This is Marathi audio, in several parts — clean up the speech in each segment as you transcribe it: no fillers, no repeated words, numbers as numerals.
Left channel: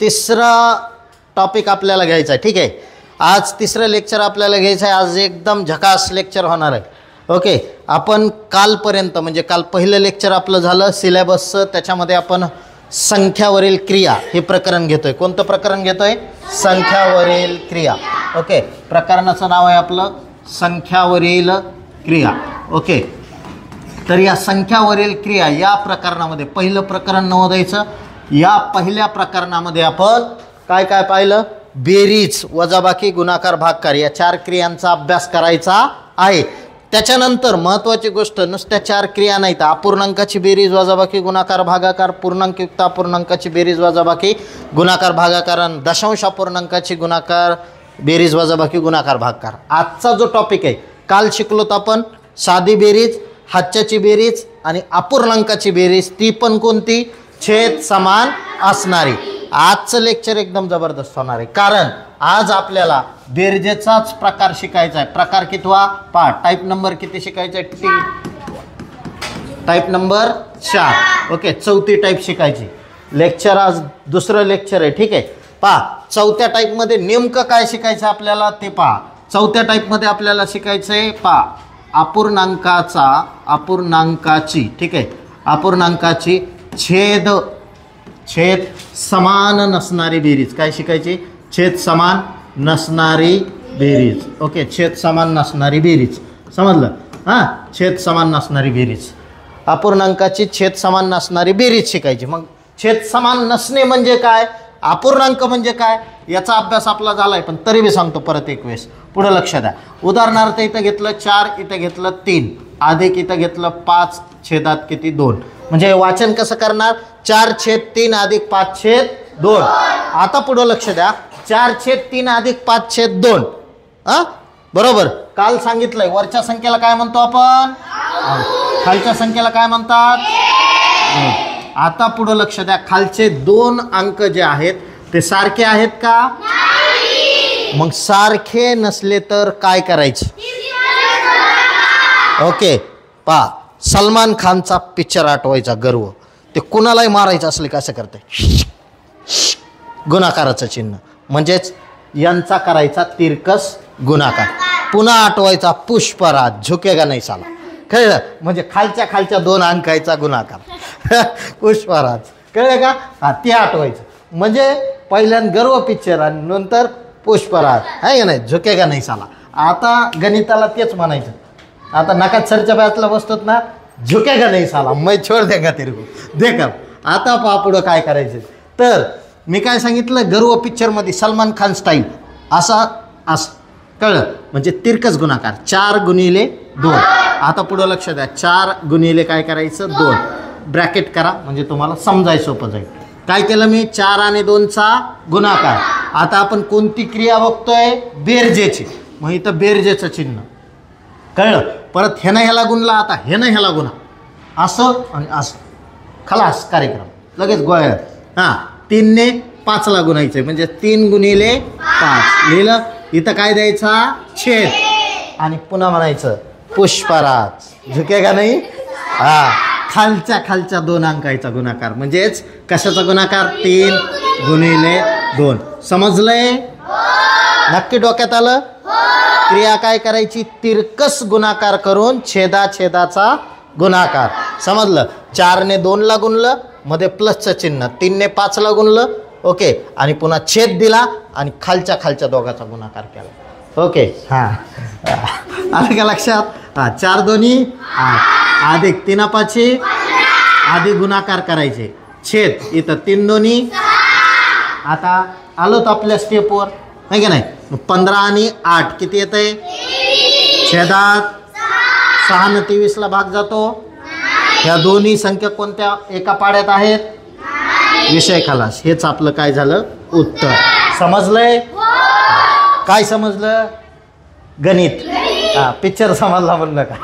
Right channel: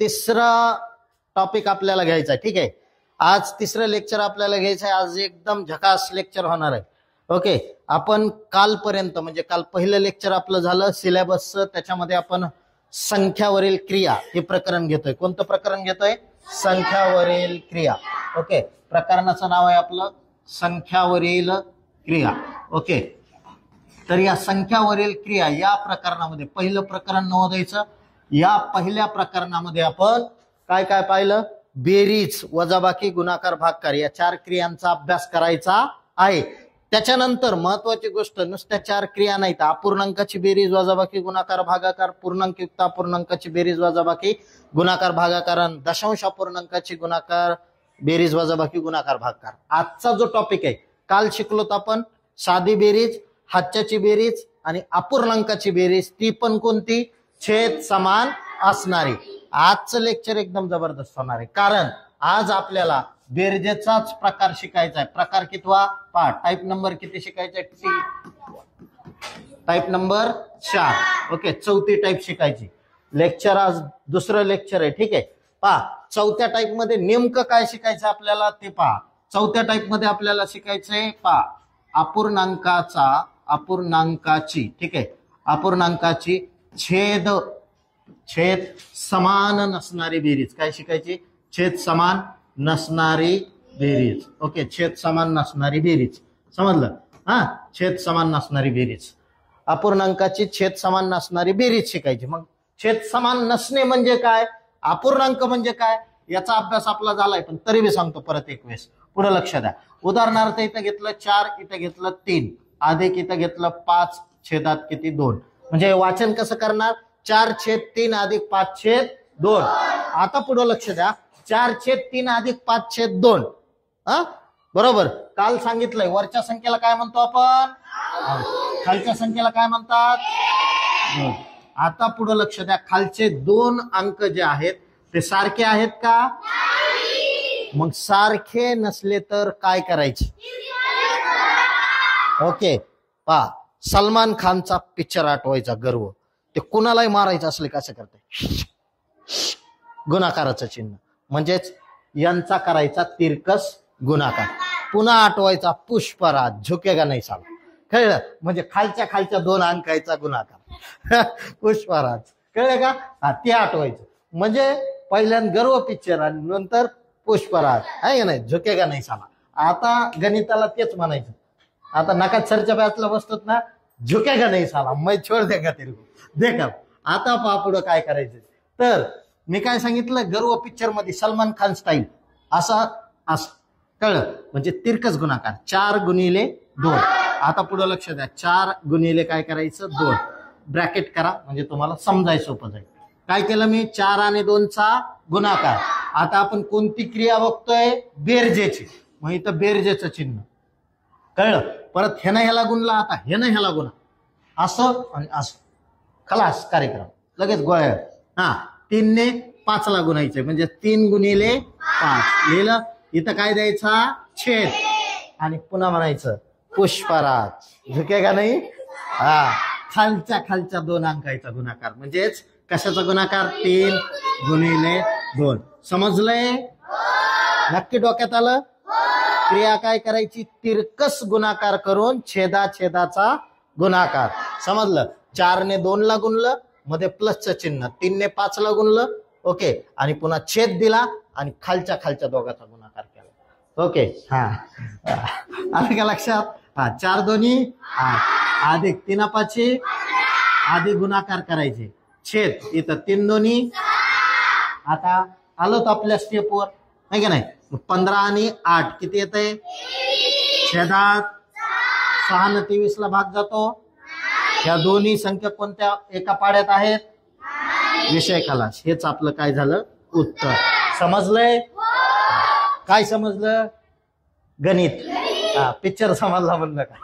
तिसरा टॉपिक आपल्याला घ्यायचा आहे. ठीक आहे, आज तिसरं लेक्चर आपल्याला घ्यायचं आहे. आज एकदम झकास लेक्चर होणार आहे. ओके, आपण कालपर्यंत म्हणजे काल पहिलं लेक्चर आपलं झालं सिलेबसचं. त्याच्यामध्ये आपण संख्यावरील क्रिया हे प्रकरण घेतोय. कोणतं प्रकरण घेतोय? संख्यावरील क्रिया. ओके, प्रकरणाचं नाव आहे आपलं संख्यावरील क्रिया. ओके, तर या संख्यावरील क्रिया या प्रकरणामध्ये पहिलं प्रकरण नोंदायचं. या पहिल्या प्रकरणामध्ये आपण काय काय पाहिलं? बेरीज, वजाबाकी, गुणाकार, भागाकार या 4 क्रियांचा अभ्यास करायचा आहे. त्याच्यानंतर महत्त्वाची गोष्ट, नुसत्या 4 क्रिया नाहीत, अपूर्णांकाची बेरीज, वजाबाकी, गुणाकार, भागाकार, पूर्णांकयुक्त अपूर्णांकाची बेरीज, वजाबाकी, गुणाकार, भागाकार आणि दशांश अपूर्णांकाची गुणाकार, बेरीज, वजाबाकी, गुणाकार, भागाकार. आजचा जो टॉपिक आहे, काल शिकलोत आपण साधी बेरीज, हातच्याची बेरीज आणि अपूर्णांकाची बेरीज, ती पण कोणती? छेद समान असणारी. आजचं लेक्चर एकदम जबरदस्त होणार आहे, कारण आज आपल्याला बेरजेचाच प्रकार शिकायचा आहे. प्रकार कितवा? पाठ. टाईप नंबर किती शिकायचा आहे? Type number 4. ओके, चौथी टाईप शिकायची. लेक्चर आज दुसरं लेक्चर आहे. ठीक आहे, पहा चौथ्या टाईपमध्ये नेमकं काय शिकायचं आपल्याला ते पहा. चौथ्या टाईपमध्ये आपल्याला शिकायचं आहे, पहा, अपूर्णांकाची, ठीक आहे, अपूर्णांकाची छेद समान नसणारी बेरीज. काय शिकायची? छेद समान नसणारी बेरीज. ओके, छेद समान नसणारी बेरीज, समजलं? हां, छेद समान नसणारी बेरीज, अपूर्णांकाची छेद समान नसणारी बेरीज शिकायची. मग छेद समान नसणे म्हणजे काय, अपूर्णांक म्हणजे काय, याचा अभ्यास आपला झालाय, पण तरी मी सांगतो परत एक वेळेस. पुढे लक्ष द्या. उदाहरणार्थ इथं घेतलं 4, इथं घेतलं 3, अधिक इथं घेतलं 5, छेदात किती? 2. म्हणजे वाचन कसं करणार? 4/3 अधिक 5/2. आता पुढं लक्ष द्या. 4/3 अधिक 5/2. बरोबर. काल सांगितलंय वरच्या संख्येला काय म्हणतो आपण? खालच्या संख्येला काय म्हणतात? आता पुढं लक्ष द्या. खालचे 2 अंक जे आहेत ते सारखे आहेत का? मग सारखे नसले तर काय करायचे? ओके, पहा, सलमान खानचा पिक्चर आठवायचा गर्व, ते कुणालाही मारायचं असले कसं करते? गुणाकाराचं चिन्ह, म्हणजेच यांचा करायचा तिरकस गुणाकार. पुन्हा आठवायचा पुष्पराज, झुकेगा नाही साला. कळलं? म्हणजे खालच्या 2 अंकाचा गुणाकार पुष्पराज. कळलं का? हा, ते आठवायचं. म्हणजे पहिल्यांदा गर्व पिक्चर आणि नंतर पुष्पराज, आहे का नाही? झुकेगा नाही साला. आता गणिताला तेच म्हणायचं. आता नका सरच्या बॅचला बसतोत ना, झुकेगा नाही साला, मैं छोड देगा तेरे को, देखा. आता पहा पुढं काय करायचं. तर मी काय सांगितलं, गर्व पिक्चरमध्ये सलमान खान स्टाईल असं कळलं? म्हणजे तिरकस गुणाकार 4×2. आता पुढं लक्ष द्या. 4× काय करायचं? 2. ब्रॅकेट करा म्हणजे तुम्हाला समजायचं सोपं जाईल. काय केलं मी? 4 आणि 2चा गुणाकार. आता आपण कोणती क्रिया बघतोय? बेरजेची. मग इथं बेरजेचं चिन्ह. कळलं? परत ह्यानं ह्याला गुणला, आता ह्यानं ह्याला गुणा, असं आणि असं, खलास कार्यक्रम लगेच गोळ्यात. हां, 3 ने 5ला गुणायचं म्हणजे 3×5 लिहिलं. इथं काय द्यायचा? छेद. आणि पुन्हा म्हणायचं पुष्पराज, झुकेगा नाही. हां, खालच्या 2 अंकाचा गुणाकार, म्हणजेच कशाचा गुणाकार? 3×2. समजलंय? नक्की डोक्यात आलं? क्रिया काय करायची? तिरकस गुणाकार करून छेदाचा गुणाकार. समजलं? 4 ने 2ला गुणलं, मध्ये प्लसचं चिन्ह, 3 ने 5ला गुणलं. ओके, आणि पुन्हा छेद दिला आणि खालच्या दोघाचा गुणाकार केला. ओके, हां, आलं का लक्षात? हां, 4×2 8, अधिक 3×5 अधिक गुणाकार करायचे, छेद इथं 3×2. आता आलोत आपल्या स्टेपवर, नाही का नाही? 15 आणि 8 किती येत आहे? छेदात 6 ने 23ला भाग जातो. ह्या दोन्ही संख्या कोणत्या एका पाड्यात आहेत? विषय खलास. हेच आपलं काय झालं? उत्तर. समजलंय? काय समजलं? गणित. हा, पिक्चर समजला म्हणलं का?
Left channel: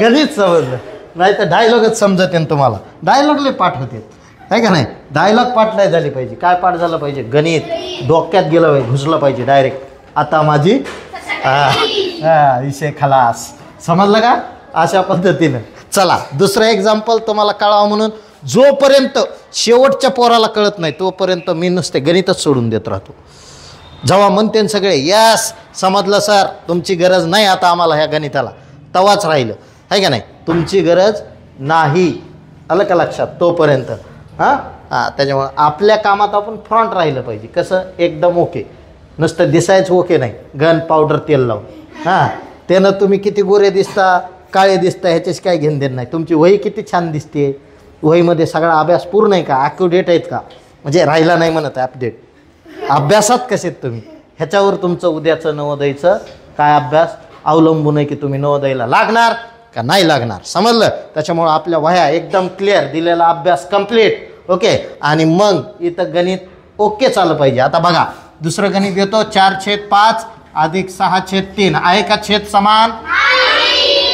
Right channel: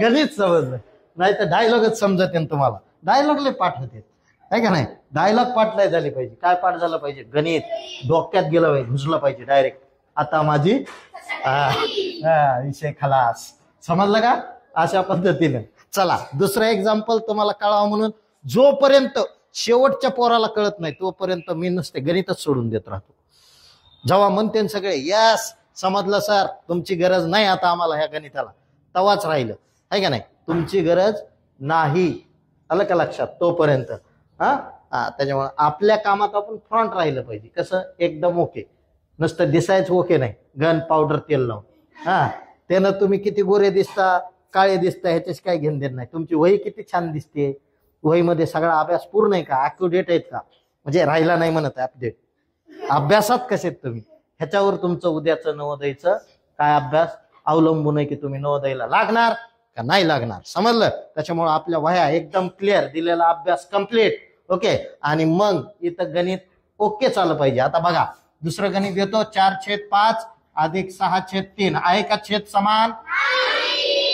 गणित समजलं. नाही तर डायलॉगच समजत आहे तुम्हाला. डायलॉगले पाठ होते, आहे का नाही? डायलॉग पाठ नाही झाली पाहिजे. काय पाठ झालं पाहिजे? गणित डोक्यात गेलं पाहिजे, घुसलं पाहिजे डायरेक्ट. आता माझी विषय खलास. समजलं का? अशा पद्धतीनं. चला दुसरं एक्झाम्पल तुम्हाला कळावं म्हणून जोपर्यंत शेवटच्या पोराला कळत नाही तोपर्यंत मी नुसते गणितच सोडून देत राहतो. जेव्हा म्हणते सगळे यस समजलं सर तुमची गरज नाही आता आम्हाला ह्या गणिताला, तवाच राहिलं आहे का नाही. तुमची गरज नाही, आलं का लक्षात, तोपर्यंत. हां हां त्याच्यामुळं आपल्या कामात आपण फ्रंट राहिलं पाहिजे. कसं एकदम ओके, नुसतं दिसायचं ओके नाही, गन पावडर तेल लावून. हां त्यानं तुम्ही किती गोरे दिसता काळे दिसता ह्याच्याशी काय घेणं देणं नाही. तुमची वही किती छान दिसते, वहीमध्ये सगळा अभ्यास पूर्ण आहे का, ॲक्युरेट आहेत का, म्हणजे राहिला नाही म्हणत अपडेट. अभ्यासात कसे आहेत तुम्ही ह्याच्यावर तुमचं उद्याचं नवोदयचं काय अभ्यास अवलंबून आहे की तुम्ही नवोदयला लागणार का नाही लागणार. समजलं. त्याच्यामुळं आपल्या वह्या एकदम क्लिअर, दिलेला अभ्यास कंप्लीट. ओके. आणि मग इथं गणित ओके चाललं पाहिजे. आता बघा दुसरं गणित येतो 4/5 अधिक 6/3 आहे का छेद समान.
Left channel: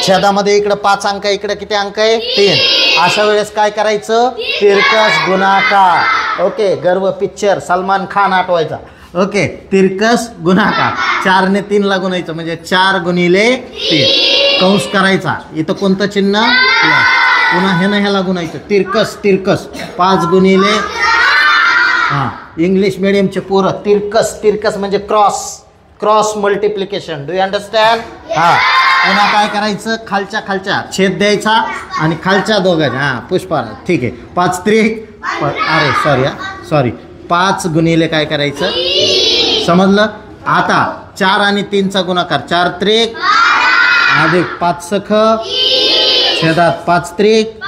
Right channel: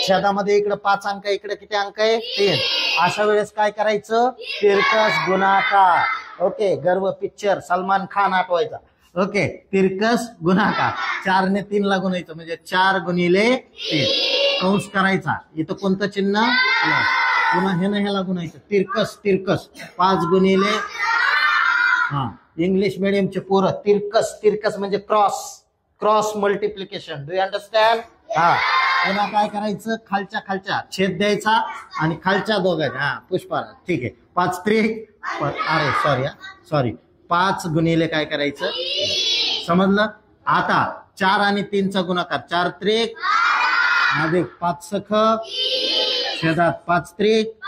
छेदामध्ये इकडं 5 अंक, इकडे किती अंक आहे 3. अशा वेळेस काय करायचं, तिरकस गुणाकार. ओके. गर्व पिक्चर सलमान खान आठवायचा. ओके. तिरकस गुणाकार 4 ने 3 ला गुणायचं म्हणजे 4 गुणिले 3 कंस करायचा. इथं कोणतं चिन्ह, पुन्हा हे ना ह्याला गुणायचं. तिरकस तिरकस 5 गुणिले, हां इंग्लिश मिडियमचे पोरं तिरकस तिरकस म्हणजे cross cross multiplication. Do you understand. हां पुन्हा काय करायचं, खालच्या खालच्या छेद द्यायचा आणि खालच्या दोघांच्या. हां पुष्पा ठीक आहे. 5 त्रिक, अरे सॉरी 5 गुणिले काय करायचं, समजलं. आता 4 आणि 3चा गुणाकार 4 त्रिक अधिक 5 सख छेदात 5 त्रिक.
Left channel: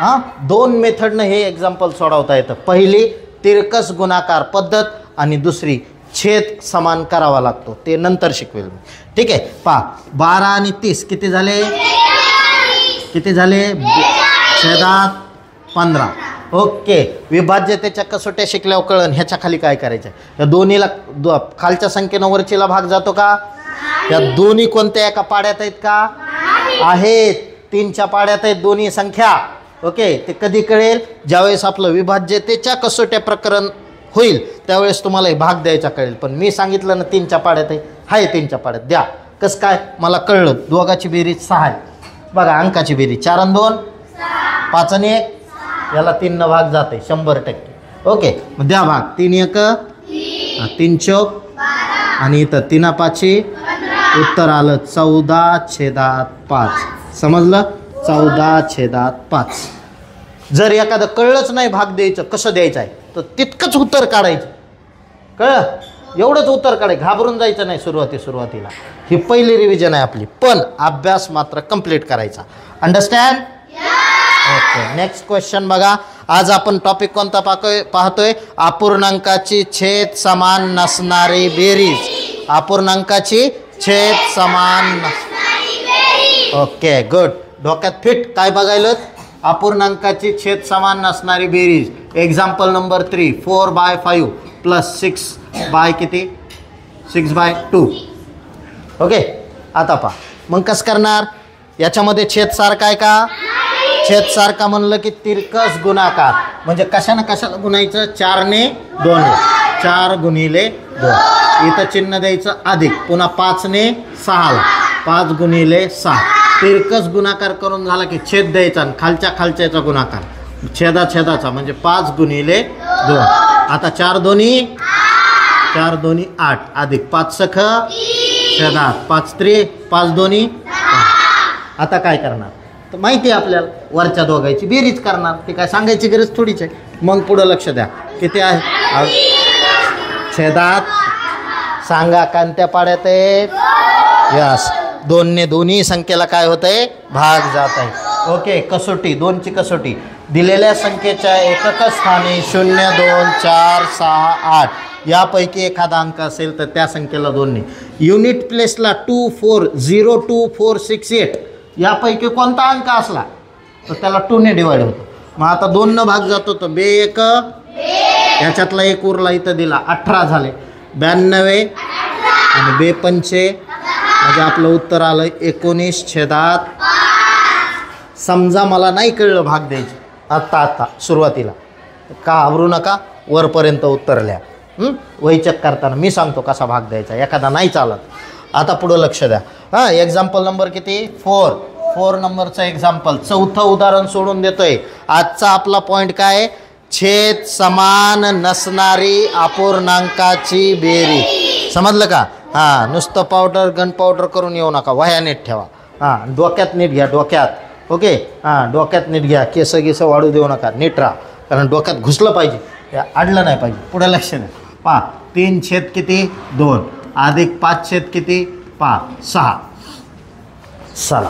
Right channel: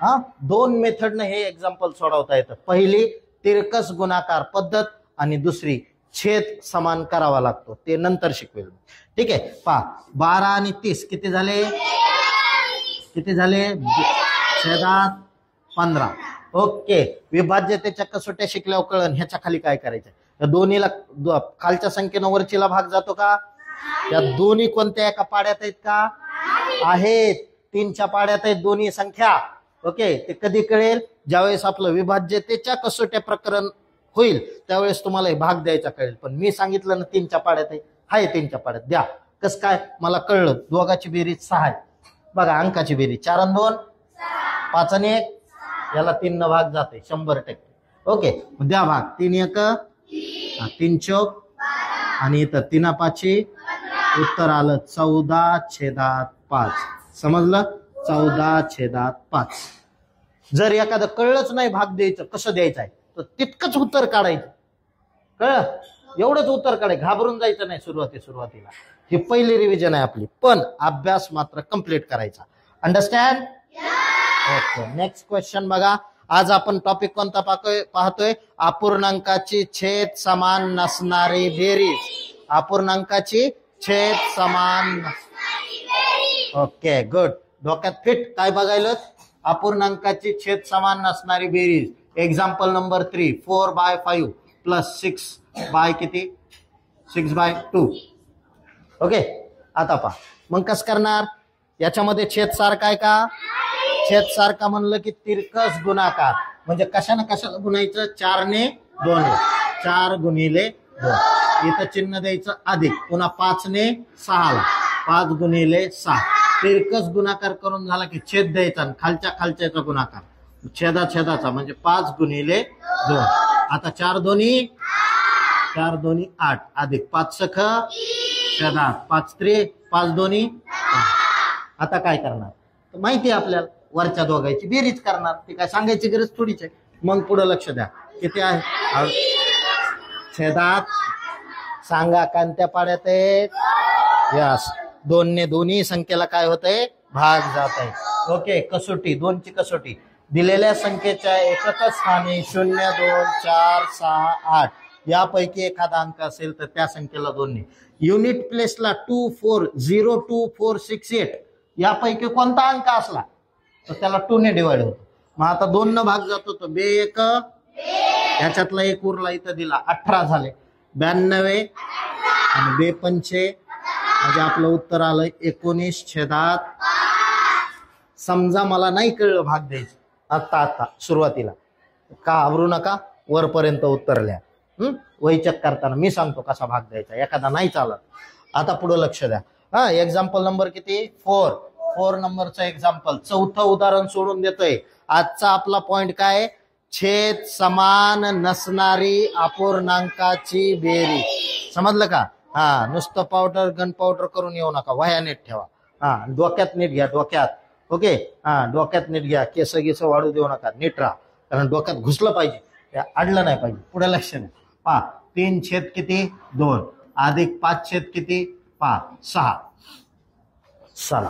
हां 2 मेथडनं हे एक्झाम्पल सोडवता येतं. पहिली तिरकस गुणाकार पद्धत आणि दुसरी छेद समान करावा लागतो, ते नंतर शिकवेल मी. ठीक आहे. पहा 12 आणि 30 किती झाले, किती झाले, छेदात 15. ओके. विभाज्यतेच्या कसोट्या शिकल्यावर कळण ह्याच्या खाली काय करायचं. या दोन्हीला खालच्या संख्येनं वरचीला भाग जातो का, या दोन्ही कोणत्या एका पाड्यात आहेत का, आहेत. 3च्या पाड्यात आहेत दोन्ही संख्या. ओके. ते कधी कळेल, ज्यावेळेस आपलं विभाज्यतेच्या कसोट्या प्रकरण होईल त्यावेळेस तुम्हाला भाग द्यायचा कळेल. पण मी सांगितलं ना 3च्या पाड्यात आहे 3च्या पाड्यात द्या. कसं काय मला कळलं, दोघाची बेरीज 6 आहे. बघा अंकाची बेरीज 4 आणि 2 5 आणि 1, याला 3 न भाग जाते 100%. ओके. मग द्या भाग. 3 1 3 चौक आणि इथं 3 5 उत्तर आलं 14/5. समजलं. 14/5. जर एखादं कळलंच नाही भाग द्यायचं कसं द्यायचं आहे तर तितकंच उत्तर काढायचं. कळलं, एवढंच उत्तर काढायचं, घाबरून जायचं नाही सुरुवातीला. ही पहिली रिव्हिजन आहे आपली, पण अभ्यास मात्र कंप्लीट करायचा. अंडरस्टँड. ओके. नेक्स्ट क्वेश्चन बघा. आज आपण टॉपिक कोणता पाहतोय, अपूर्णांकाची छेद समान नसणारी बेरीज. अपूर्णांकाची छेद समान. Okay good. डोक्यात फिट. काय बघायला, अपूर्णांकाची छेद समान नसणारी बेरीज. एक्झाम्पल नंबर 3 4/5 प्लस 6 किती 6/2. ओके. आता पहा मग कसं करणार, याच्यामध्ये छेद सारखा आहे का, छेद सारखा म्हणलं की तिरकस गुणाकार म्हणजे कशाला गुणायचं, 4 ने 2 4 गुणिले 2. इथं चिन्ह द्यायचं अधिक, पुन्हा 5 ने 6 5 गुणिले 6. तिरकस गुणाकार करून झाला की छेद द्यायचा आणि खालच्याचा गुणाकार छेदाचा म्हणजे 5 गुणिले 2. आता 4 दोन्ही 8 अधिक 5 सख छेदात 5 त्रिक 5 दोन्ही. आता काय करणार तर माहिती आहे आपल्याला, वरच्या दोघांची बेरीज करणार. ते काय सांगायची गरज थोडीच आहे. मग पुढं लक्ष द्या किती आहे छेदात, सांगा कोणत्या पाड्यात आहे. यस 2 ने दोन्ही संख्येला काय होत आहे, भाग जात आहे. ओके. कसोटी 2ची कसोटी. दिलेल्या संख्येच्या एकक स्थानी 0 2 4 6 8 यापैकी एखादा अंक असेल तर त्या संख्येला 2 ने. युनिट प्लेसला 2 4 0 2 4 6 8 यापैकी कोणता अंक असला तर त्याला 2 ने डिवाइड होतो. मग आता 2 न भाग जातो तर 2 1 याच्यातला एक उरला इथं दिला 18 झाले 92 आणि 2 5 म्हणजे आपलं उत्तर आलं 19/5. समजा मला नाही कळलं भाग द्यायचं आत्ता सुरुवातीला, का आवरू नका, वरपर्यंत उत्तर लिहा. वैचक करताना मी सांगतो कसा भाग द्यायचा, एखादा नाही चालत. आता पुढं लक्ष द्या. हां एक्झाम्पल नंबर किती 4 4 नंबरचं एक्झाम्पल, चौथं उदाहरण सोडून देतोय. आजचा आपला पॉइंट काय? छेद समान नसणारी अपूर्णांकाची बेरीज. समजलं का? हा, नुसतं पावडर गन पावडर करून येऊ नका, वह्या नीट ठेवा. हा, डोक्यात नीट घ्या, डोक्यात. ओके, हा, डोक्यात नीट घ्या, केस गिस वाढू देऊ नका, नीट राहा, कारण डोक्यात घुसलं पाहिजे, ते अडलं नाही पाहिजे. पुढे लक्ष द्या. पहा, 3 छेद किती? 2 अधिक 5 छेद किती? 5, 6. चला,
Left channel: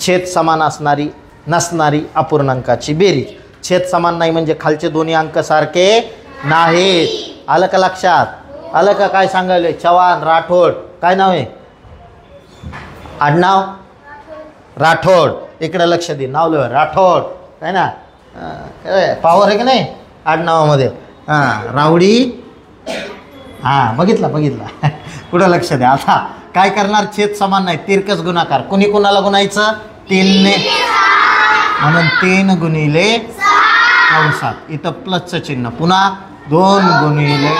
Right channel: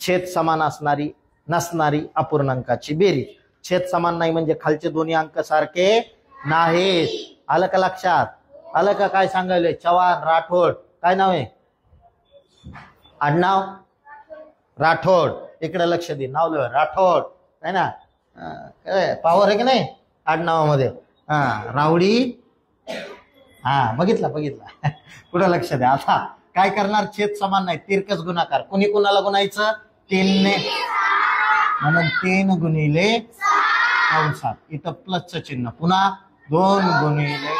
छेद समान असणारी नसणारी अपूर्णांकाची बेरीज. छेद समान नाही म्हणजे खालचे दोन्ही अंक सारखे नाहीत. आलं का लक्षात? आलं का? काय सांगायले? चव्हाण, राठोड, काय नाव आहे? आडनाव राठोड. इकडे लक्ष दे, नाव लिहा राठोड, आहे ना? पावर आहे की नाही आडनावामध्ये? हां, रावडी. हां, बघितला. कुठं लक्ष द्या. आता काय करणार? छेद समान नाही, तिरकस गुणाकार. कोणी कोणाला गुणायचं? 3 ने, म्हणून 3 गुणिले कंसात, इथं प्लसचं चिन्ह, पुन्हा 2 गुणिले,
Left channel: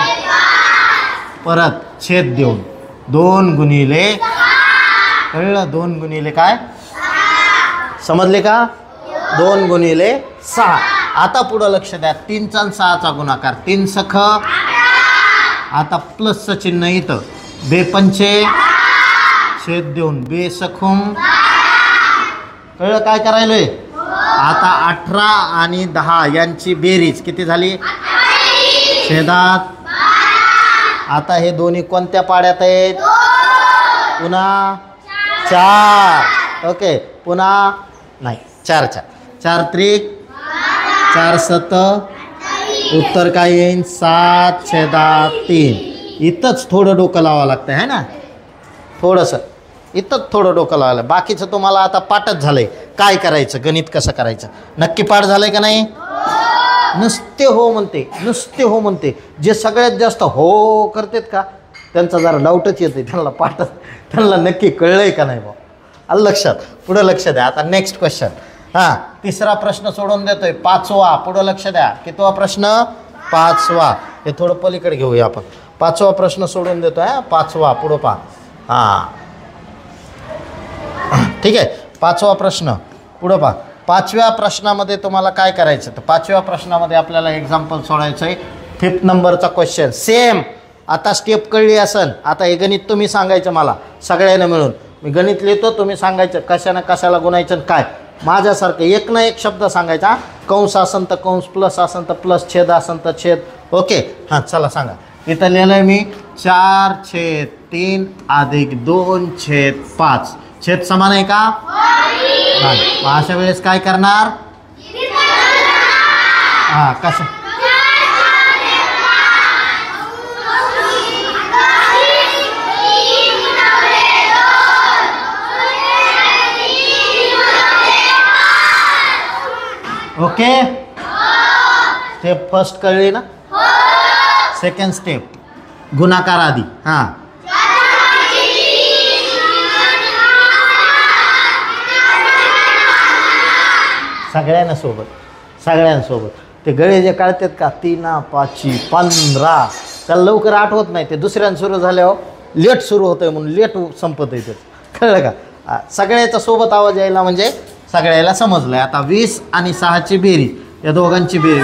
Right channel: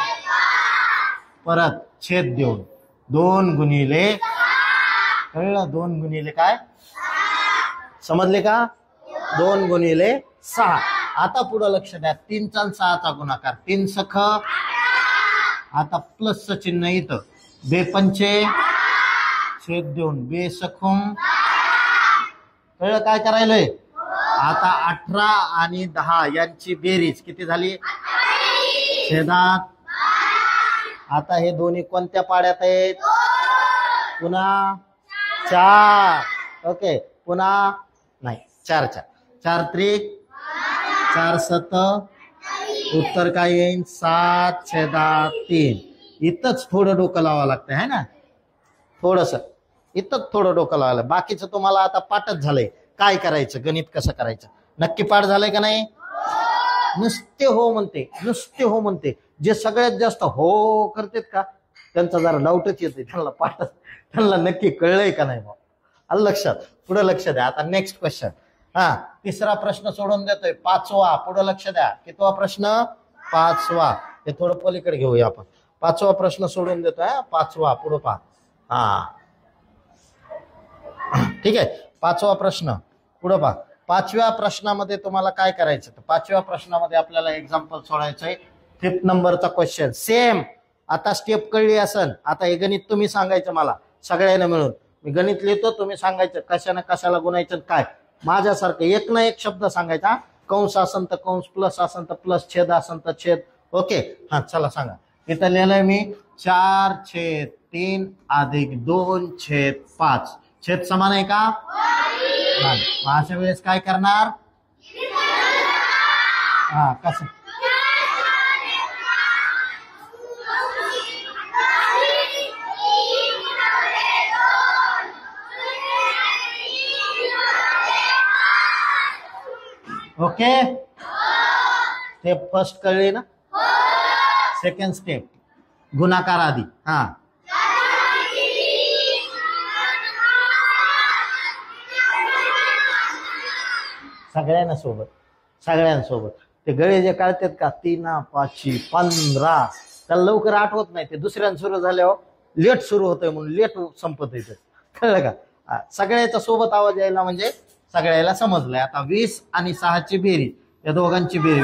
परत छेद देऊन 2 गुणिले, कळलं? 2 गुणिले काय? समजले का? 2 गुणिले 6. आता पुढं लक्ष द्या, 3चा आणि 6चा गुणाकार, 3 सख, आता प्लसचं चिन्ह इथं, बेपंचे छेद देऊन बे सखून, कळलं काय करायलोय? आता 18 आणि 10 यांची बेरीज किती झाली? छेदात. आता हे दोन्ही कोणत्या पाड्यात आहेत? पुन्हा 4. ओके, पुन्हा नाही, 4 4 4 त्रिक 4 7, उत्तर काय येईल? 7/3. इथंच थोडं डोकं लावावं लागतं आहे ना, थोडंसं इथंच थोडं डोकं लावायला. बाकीचं तुम्हाला आता पाठच झालंय, काय करायचं, गणित कसं करायचं. नक्की पाठ झालंय का नाही? नुसते हो म्हणते. जे सगळ्यात जास्त हो करतात का त्यांचा जरा डाऊटच येते, त्यांना नक्की कळलंय का नाही बा. आलं लक्षात? पुढं लक्ष द्या. आता नेक्स्ट क्वेश्चन. हां, तिसरा प्रश्न सोडून देतोय, 5वा. पुढं लक्ष द्या. कितवा प्रश्न? 5वा. हे थोडं पलीकडे घेऊया आपण. 5वा प्रश्न सोडून देतोय. 5वा, पुढं 5. हां, ठीक आहे. 5वा प्रश्न, पुढं 5. 5व्या प्रश्नामध्ये तुम्हाला काय करायचं? तर 5व्या प्रश्नामध्ये आपल्याला एक्झाम्पल सोडायचं आहे. 5th नंबरचा क्वेश्चन. सेम आता स्टेप कळली असन. आता हे गणित तुम्ही सांगायचं मला, सगळ्यांना मिळून. मी गणित लिहितो, तुम्ही सांगायचं कशानं कशाला गुणायचं काय. माझ्यासारखं एक ना एक शब्द सांगायचा. कंस असन तर कंस, प्लस असन तर प्लस, छेद असन तर छेद. ओके, हां, चला सांगा. इथं लिहिलंय मी 4/3 अधिक 2/5. छेद समान आहे का? हां, अशा वेळेस काय करणार? हां, कसं? ओके, स्टेप फर्स्ट कळली ना? सेकंड स्टेप, गुणाकार आधी. हां, सगळ्यांसोबत ते गळे जे काढतात का, 3 5 15, त्याला लवकर आठवत नाही. ते दुसऱ्यानं सुरू झाल्यावर लेट सुरू होतंय म्हणून लेट संपत येते. कळलं का? सगळ्याचा सोबत आवाज यायला म्हणजे सगळ्याला समजलंय. आता 20 आणि 6ची बेरीज, या दोघांची बेरीज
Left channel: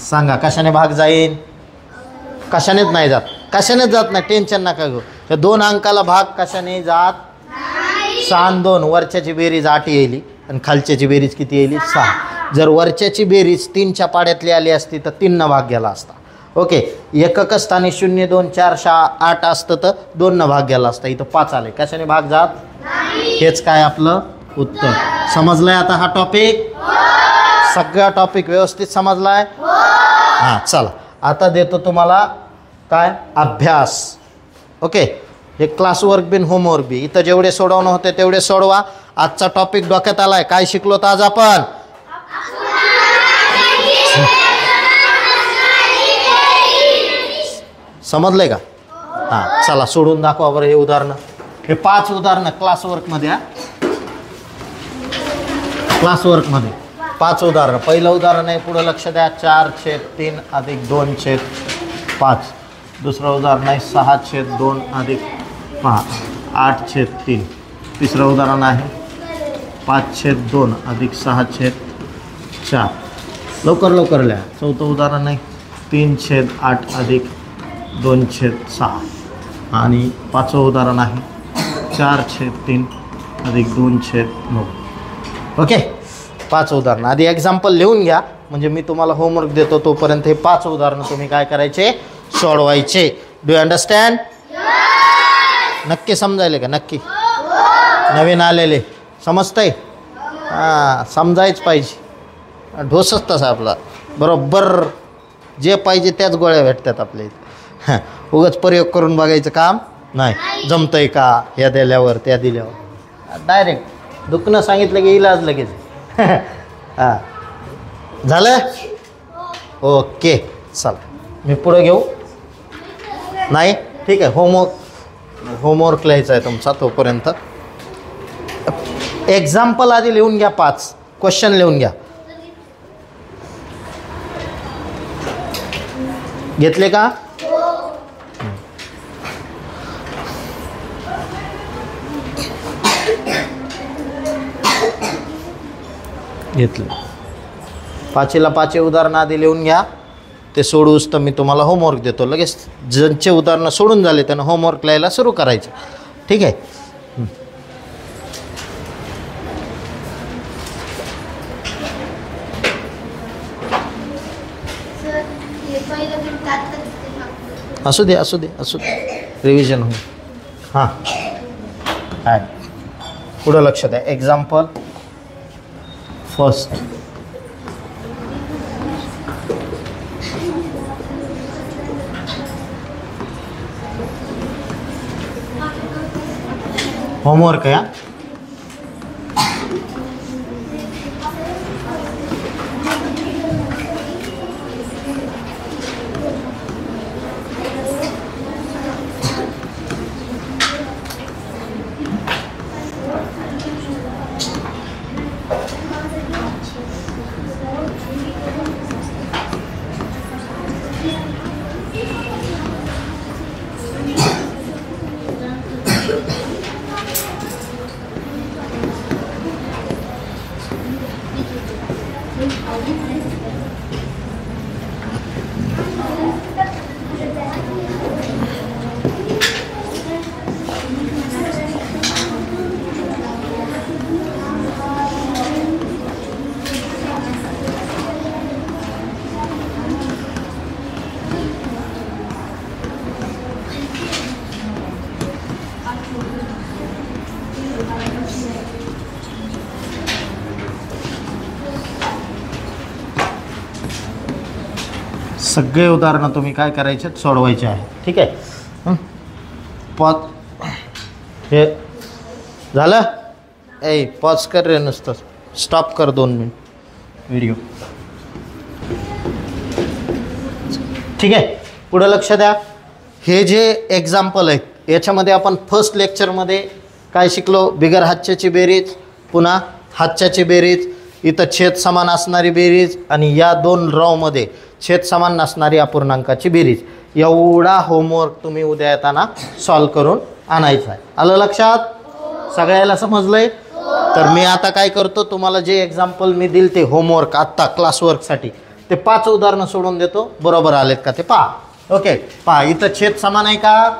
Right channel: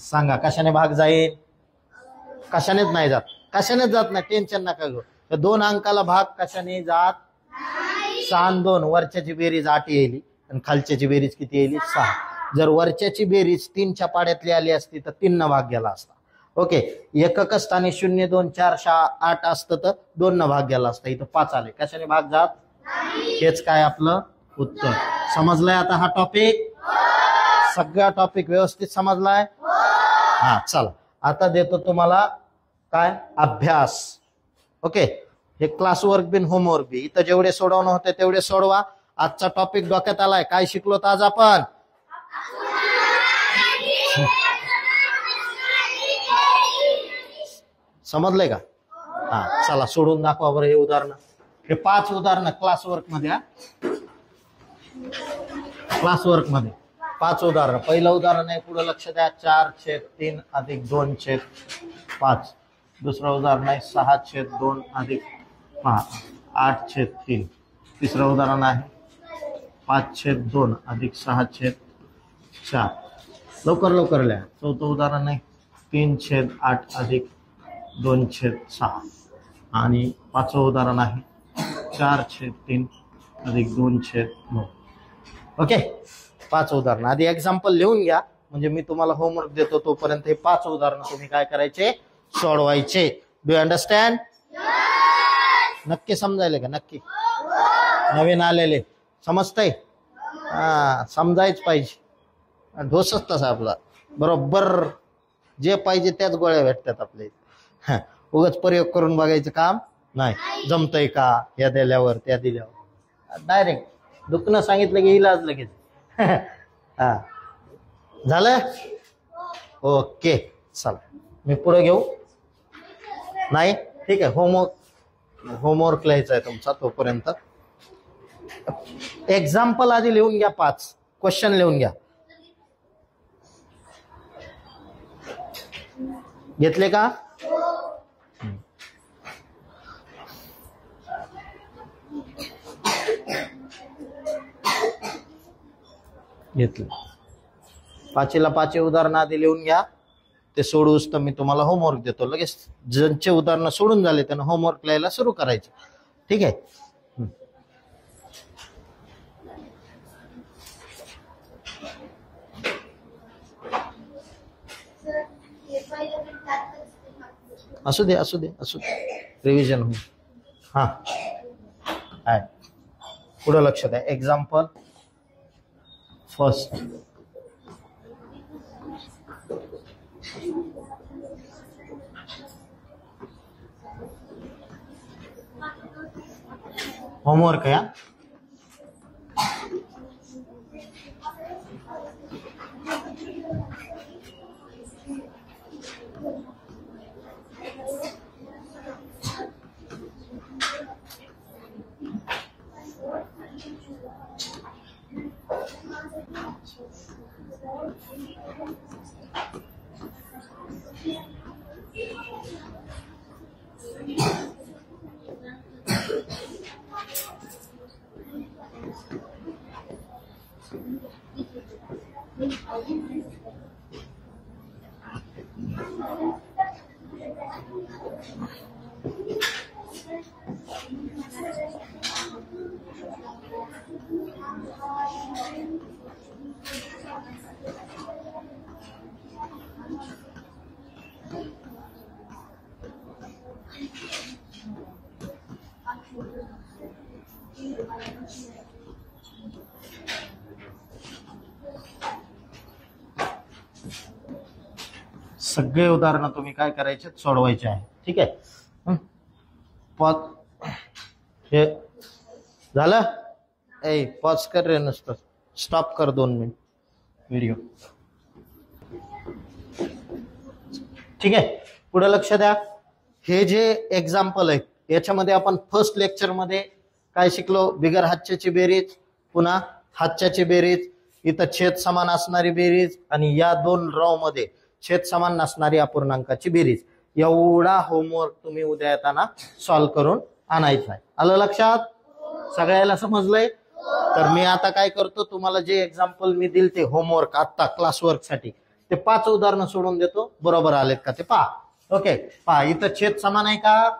सांगा. कशाने भाग जाईल? कशानेच नाही जात. कशानेच जात नाही, टेन्शन नका घेऊ. त्या 2 अंकाला भाग कशाने जात? 6 आणि 2, वरच्याची बेरीज 8 येईल आणि खालच्याची बेरीज किती येईल? 6. जर वरच्याची बेरीज 3च्या पाड्यातली आली असती तर 3 न भाग गेला असता. ओके, एकक स्थानी 0 2 4 6 8 असतं तर 2 न भाग गेला असता. इथं 5 आले, कशाने भाग जात? हेच काय आपलं उत्तर. समजलंय आता हा टॉपिक? सगळा टॉपिक व्यवस्थित समजलाय? हां, चला आता देतो तुम्हाला काय अभ्यास. ओके, हे क्लासवर्क बिन होमवर्क बी. इथं जेवढे सोडवणं होते तेवढे सोडवा. आजचा टॉपिक डोक्यात आलाय. काय शिकलो तर आज आपण? समजलंय का? हां, चला सोडून दाखवा बरं हे उदाहरणं. हे 5 उदाहरणं क्लासवर्कमध्ये. क्लासवर्कमध्ये 5 उदाहरणं. पहिलं उदाहरण आहे, पुढं लक्ष द्या, 4/3 अधिक 2/5. दुसरं उदाहरण आहे 6/2 अधिक 5. 8/3. तिसरं उदाहरण आहे 5/2 अधिक 6/4. लवकर लवकर लिहा. चौथं उदाहरण आहे 3/8 अधिक 2/6. आणि पाचवं उदाहरण आहे 4/3 अधिक 2/9. ओके, 5 उदाहरणं. आधी एक्झाम्पल लिहून घ्या, म्हणजे मी तुम्हाला होमवर्क देतो तोपर्यंत हे 5 उदाहरणं तुम्ही काय करायचे, सोडवायचे. Do you understand? नक्की समजायले का? नक्की. नवीन आलेले समजतंय? हां, समजायच पाहिजे. ढोसच तसा आपला, बरोबर जे पाहिजे त्याच गोळ्या भेटतात आपल्या इथे. उगाच प्रयोग करून बघायचं काम नाही. जमतंय का, ह्या दिल्यावर त्या दिल्यावर, डायरेक्ट दुखणं सांगितलं की इलाज लगेच. हां, झालं? ओके, चला मी पुढं घेऊ. नाही, ठीक आहे. होमवर्क लिहायचा आहे तुमचा तोपर्यंत. एक्झाम्पल आधी लिहून घ्या. 5 क्वेश्चन लिहून घ्या. घेतले का? घेतलं. 5ला 5 उदाहरणं आधी लिहून घ्या. ते सोडूस तर मी तुम्हाला होमवर्क देतो. लगेच ज्यांचे उदाहरणं सोडून झाले त्यांना होमवर्क लिहायला सुरू करायचं. ठीक आहे? असू दे असू दे असू दे, रिव्हिजन होईल. हां, काय पुढं लक्ष द्या. Example first. होमवर्क आहे. सगळे उदाहरणं तुम्ही काय करायचे, सोडवायचे आहे. ठीक आहे? हे झालं? पॉज कर रे, नुसतं स्टॉप कर 2 मिनिट व्हिडिओ. ठीक आहे, पुढं लक्ष द्या. हे जे एक्झाम्पल आहेत याच्यामध्ये आपण फर्स्ट लेक्चरमध्ये काय शिकलो? बिगर हातच्याची बेरीज, पुन्हा हातच्याची बेरीज, इथं छेद समान असणारी बेरीज, आणि या 2 रॉमध्ये छेद समान नसणारी अपूर्णांकाची बेरीज. एवढा होमवर्क तुम्ही उद्या येताना सॉल्व करून आणायचा आहे. आलं लक्षात? सगळ्याला समजलंय? तर मी आता काय करतो, तुम्हाला जे एक्झाम्पल मी दिल ते होमवर्क आत्ता क्लासवर्कसाठी, ते 5 उदाहरणं सोडून देतो. बरोबर आलेत का ते पहा. ओके, पहा इथं छेद समान आहे का?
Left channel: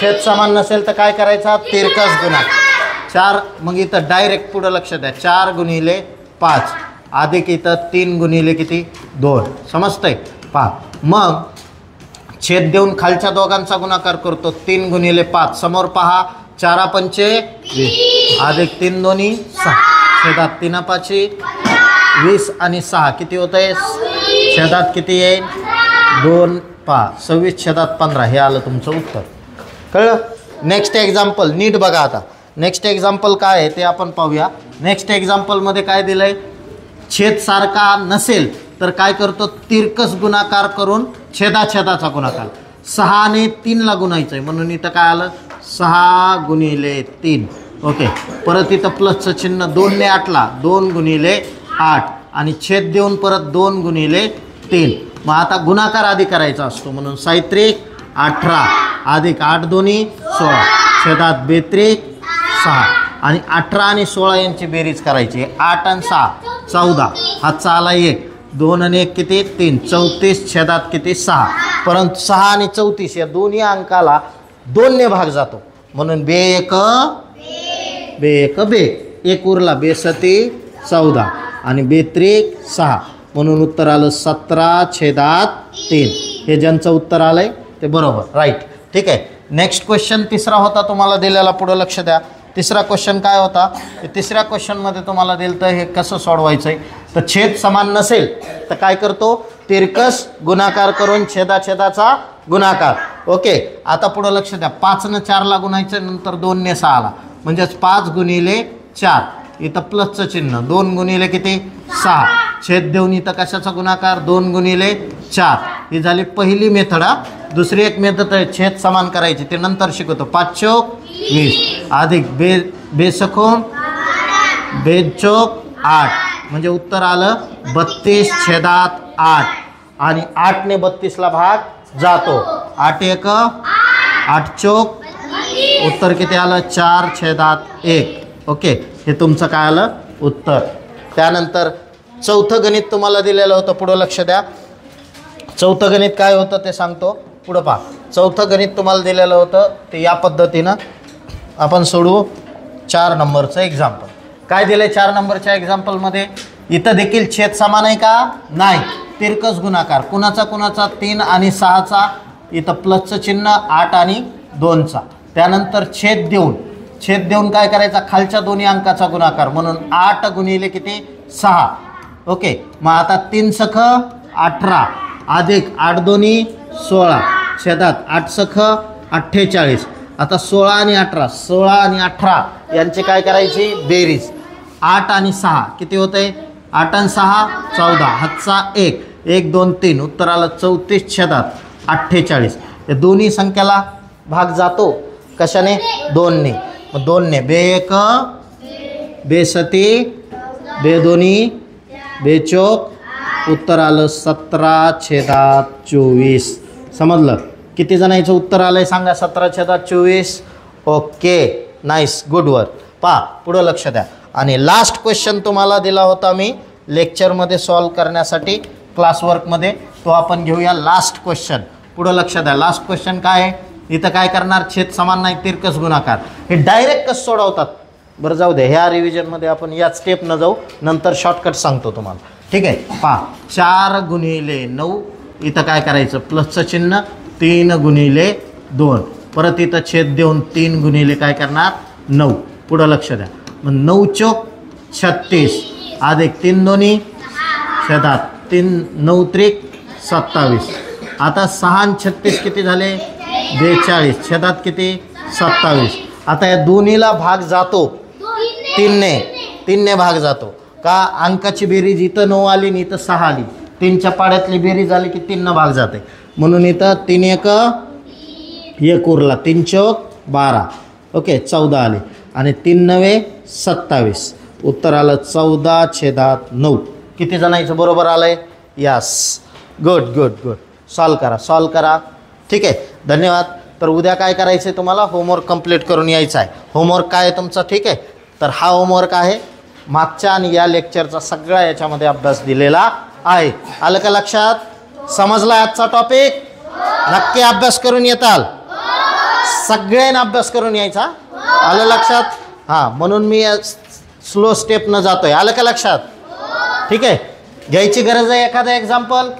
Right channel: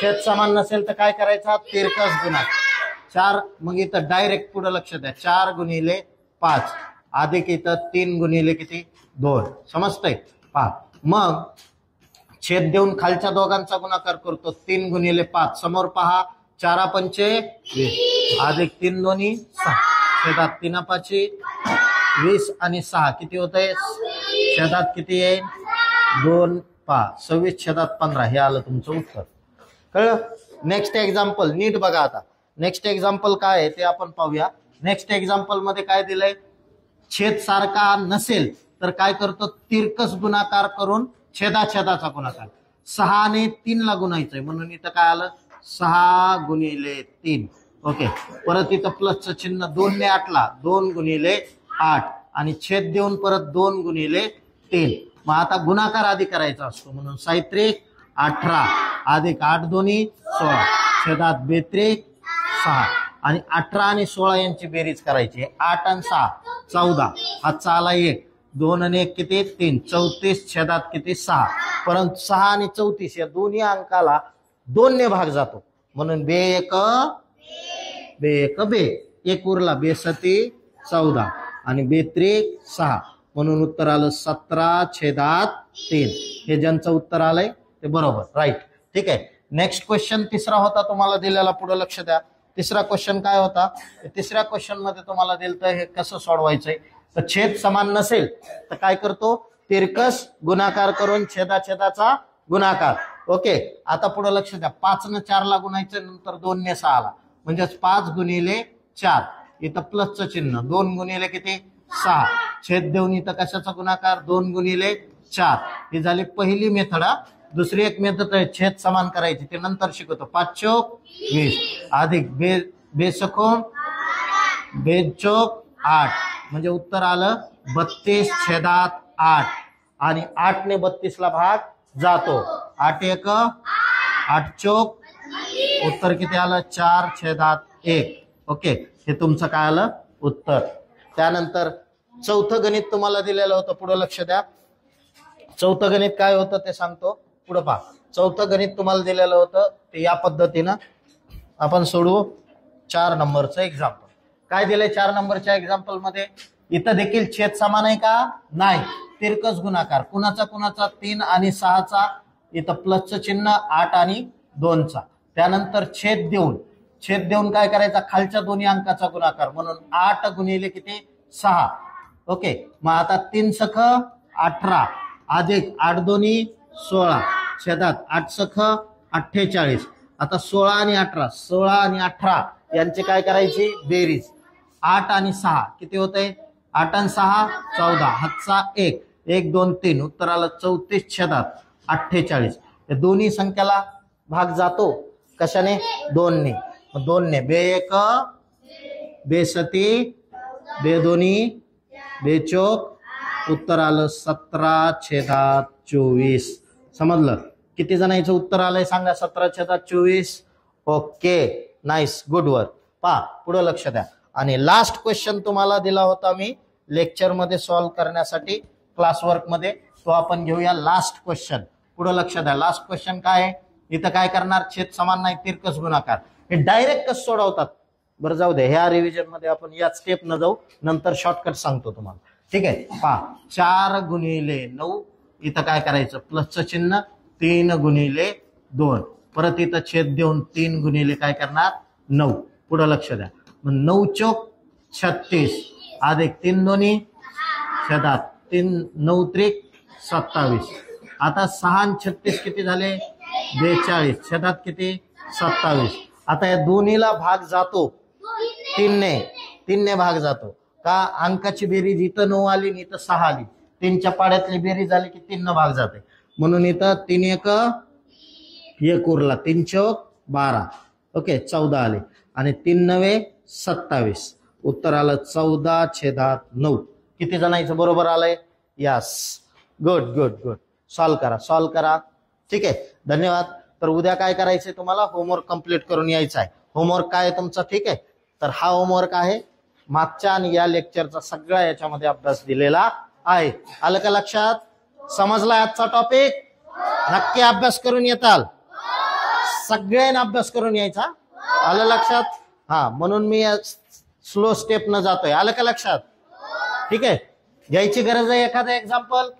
छेद समान नसेल तर काय करायचा? तिरकस गुणा 4. मग इथं डायरेक्ट पुढं लक्ष द्या. 4 गुणिले 5 अधिक इथं 3 गुणिले किती? 2. समजतंय? पहा, मग छेद देऊन खालच्या दोघांचा गुणाकार करतो. 3 गुणिले 5, समोर पहा. 4 पंचे 20 अधिक 3 दोन्ही 6. छेदात 3 पाची 20 आणि 6 किती होत आहे? छेदात किती येईल? 2. पहा 26 छेदात 15. हे आलं तुमचं उत्तर. कळलं? नेक्स्ट एक्झाम्पल नीट बघा. आता नेक्स्ट एक्झाम्पल काय आहे ते आपण पाहूया. नेक्स्ट एक्झाम्पलमध्ये काय दिलंय? छेद सारखा नसेल तर काय करतो? तिरकस गुणाकार करून छेदाचा गुणाकार. 6 ने 3 ला गुणायचं आहे, म्हणून इथं काय आलं? 6 गुणिले 3. ओके, परत इथं प्लसचं चिन्ह. 2 ने 8 ला 2 गुणिले 8 आणि छेद देऊन परत 2 गुणिले 3. मग आता गुणाकार आधी करायचा असतो, म्हणून 7 18 अधिक 8 दोन्ही 16. छेदात बेत्रिक 6 आणि 18 आणि 16 यांची बेरीज करायची. 8 आणि 6 14, हातचा आला 1, 2 आणि 1 किती 3, 34 छेदात किती 6. परंतु 6 आणि 34 या दोन्ही अंकाला 2 ने भाग जातो म्हणून बे एक बे एक उरला. बेसती 14 आणि बेत्रिक 6 म्हणून उत्तर आलं 17/3. हे ज्यांचं उत्तर आलंय ते बरोबर राईट. ठीक आहे. नेक्स्ट क्वेश्चन तिसरा होता तुम्हाला दिलेला. पुढं लक्ष द्या. तिसरा क्वेश्चन काय होता. तिसऱ्या क्वेश्चनमध्ये तुम्हाला दिलं तर हे कसं सोडवायचं आहे. तर छेद समान नसेल तर काय करतो, तिरकस गुणाकार करून छेदाचा गुणाकार. ओके. आता पुढं लक्ष द्या. 5 ने 4ला गुणायचं, नंतर 2 ने 6ला, म्हणजेच 5 गुणिले 4. इथं प्लसचं चिन्ह. 2 गुणिले किती 6. छेद देऊन इथं कशाचा गुणाकार 2 गुणिले 4. ही झाली पहिली मेथड. दुसरी एक मेथड आहे छेद समान करायची, ते नंतर शिकवतो. 5 चौक 20 अधिक बेसखोम बेद चौक 8 म्हणजे उत्तर आलं 32/8 आणि 8 ने 32ला भाग जातो. 8 एक 8 चौक उत्तर किती आलं 4/1. ओके. हे तुमचं काय आलं उत्तर. त्यानंतर चौथं गणित तुम्हाला दिलेलं होतं. पुढं लक्ष द्या. चौथं गणित काय होतं ते सांगतो. पुढं पहा. चौथं गणित तुम्हाला दिलेलं होतं ते या पद्धतीनं आपण सोडवू. 4 नंबरचं एक्झाम्पल. काय दिलं 4 नंबरच्या एक्झाम्पलमध्ये. इथं देखील छेद समान आहे का नाही. तिरकस गुणाकार कुणाचा 3 आणि 6चा. इथं प्लसचं चिन्ह 8 आणि 2चा. त्यानंतर छेद देऊन काय करायचा, खालच्या दोन्ही अंकाचा गुणाकार म्हणून 8 गुणिले किती 6. ओके. मग आता 3 सख 18 अधिक 8 दोन्ही 16 छेदात 8 सख 48. आता 16 आणि 18 यांचे काय करायची बेरीज. 8 आणि 6 किती होते 8 आणि 6 14, हातचा 1, 1 2 3 उत्तर आलं 34 छेदात 48. या दोन्ही संख्याला भाग जातो कशाने 2 ने. मग 2 ने बे एक बेसती बे दोन्ही बेचोक उत्तर आलं 17/24. समजलं. किती जणांचं उत्तर आलंय सांगा 17/24. Okay nice good work. पहा पुढं लक्ष द्या. आणि लास्ट क्वेश्चन तुम्हाला दिला होता मी लेक्चरमध्ये सॉल्व करण्यासाठी क्लासवर्कमध्ये, तो आपण घेऊया. लास्ट क्वेश्चन पुढं लक्ष द्या. लास्ट क्वेश्चन काय आहे. इथं काय करणार छेद समान नाही तिरकस गुणाकार. हे डायरेक्ट कसं सोडवतात बरं जाऊ दे. ह्या रिव्हिजनमध्ये आपण या स्टेप न जाऊ, नंतर शॉर्टकट सांगतो तुम्हाला. ठीक आहे. पहा 4 गुणिले 9 इथं काय करायचं प्लसचं चिन्ह 3 गुणिले 2. परत इथं छेद देऊन 3 गुणिले काय करणार 9. पुढं लक्ष द्या. मग 9 चौक 36 अधिक 3 दोन्ही छेदात 3 9 त्रिक 27. आता 6 आणि 36 किती झाले 42 छेदात किती 27. आता या दोन्हीला भाग जातो 3 ने भाग जातो का. अंकाची बेरीज इथं 9 आली आणि इथं 6 आली. 3च्या पाड्यातली बेरीज आली की 3 भाग जाते म्हणून इथं 3 1 उरला. 3 चौक 12. ओके 14 आले आणि 3 9 27. उत्तर आलं 14/9. किती जणांचं बरोबर आलंय. Yes good good good. Solve करा. ठीक आहे. धन्यवाद. तर उद्या काय करायचं आहे तुम्हाला होमवर्क कंप्लीट करून यायचं आहे. होमवर्क काय आहे तुमचा. ठीक आहे. तर हा होमवर्क आहे मागच्या आणि या लेक्चरचा सगळा याच्यामध्ये अभ्यास दिलेला आहे. आलं का लक्षात. समजला आजचा टॉपिक. नक्की अभ्यास करून येताल. सगळ्यांना अभ्यास करून यायचा. आलं लक्षात. हां म्हणून मी स्लो स्टेपनं जातोय. आलं का लक्षात. ठीक आहे. घ्यायची गरज आहे एखादं एक्झाम्पल.